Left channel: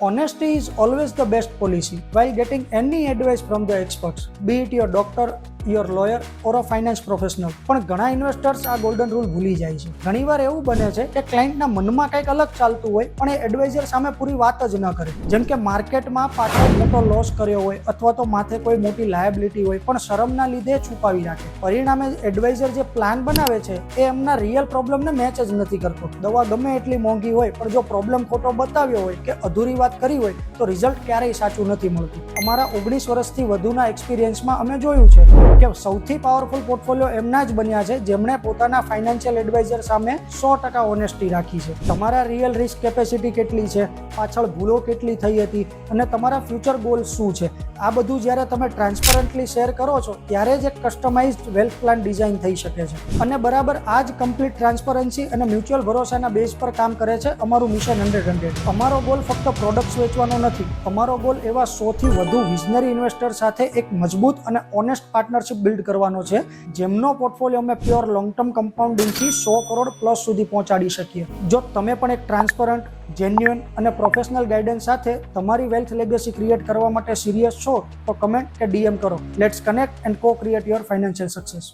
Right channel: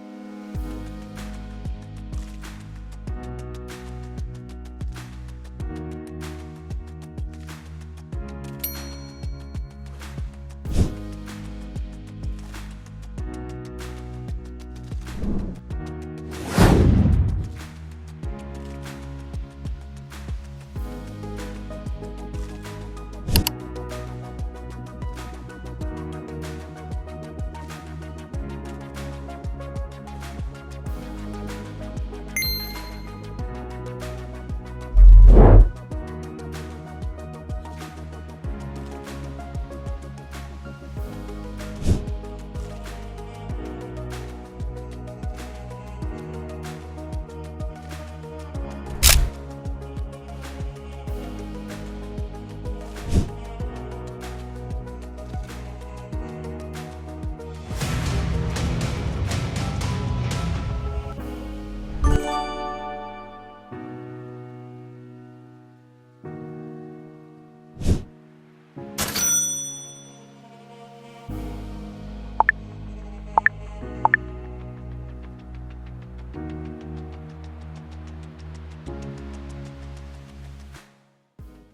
Honesty is always the best policy while getting any advice from the experts, be it your doctor, your lawyer or a finance professional. પણ ઘણા investors આ golden rule ભૂલી જાય છે. ઘણીવાર એવું બને છે કે ક્લાયન્ટના મનમાં કંઈક અલગ ચાલતું હોય પણ એ એડવાઇઝર સામે પૂરી વાત જ ન કરે. જેમ કે માર્કેટમાં પાછળ મોટો લોસ કર્યો હોય અથવા તો માથે કોઈ મોટી લાયબિલિટી હોય પણ શરમના લીધે છુપાવી રાખે. પરિણામે એડવાઇઝર જે પ્લાન બનાવે છે એ એમના રિયલ પ્રોબ્લેમને મેચ જ નથી કરતો. દવા ગમે એટલી મોંઘી હોય પણ જો પ્રોબ્લેમ ખોટો બતાવ્યો હોય કે અધૂરી વાત કરી હોય તો રિઝલ્ટ ક્યારેય સાચું નથી મળતું. અમારા 19 વર્ષથી વધુના એક્સપિરિયન્સમાં અમે જોયું છે કે સૌથી પાવરફુલ પોર્ટફોલિયો એમના જ બન્યા છે જેમણે પોતાના ફાઇનાન્શિયલ એડવાઇઝર સામે 100% ઓનેસ્ટી રાખી છે. તમારા રિયલ રિસ્ક કેપેસિટી કેટલી છે, પાછળ ભૂલો કેટલી થઈ હતી અને તમારા ફ્યુચર ગોલ્સ શું છે, આ બધું જ્યારે તમે ટ્રાન્સપરન્ટલી શેર કરો છો ત્યારે જ એક કસ્ટમાઇઝ્ડ વેલ્થ પ્લાન ડિઝાઇન થઈ શકે છે. અને બરાબર આ જ કમ્પ્લીટ ટ્રાન્સપરન્સી અને મ્યુચ્યુઅલ ભરોસાના બેઝ પર કામ કરે છે અમારું મિશન 100. અમારો ગોલ ફક્ત પ્રોડક્ટ્સ વેચવાનો નથી. અમારો ગોલ એવા 100થી વધુ વિઝનરી ઇન્વેસ્ટર સાથે એક મજબૂત અને ઓનેસ્ટ પાર્ટનરશિપ બિલ્ડ કરવાનો છે જેમનો પોર્ટફોલિયો અમે પ્યોર લોંગ ટર્મ કમ્પાઉન્ડિંગથી 100 કરોડ પ્લસ સુધી પહોંચાડી શકીએ. જો તમે પણ એક ટ્રાન્સપરન્ટ, જેન્યુઅન અને પ્રોફેશનલ ગાઈડન્સ સાથે તમારી વેલ્થ લેગેસી ક્રિએટ કરવા માટે સિરિયસ છો તો કમેન્ટ કે DM કરો. લેટ્સ કનેક્ટ એન્ડ કો ક્રિએટ યોર ફાઇનાન્શિયલ સક્સેસ.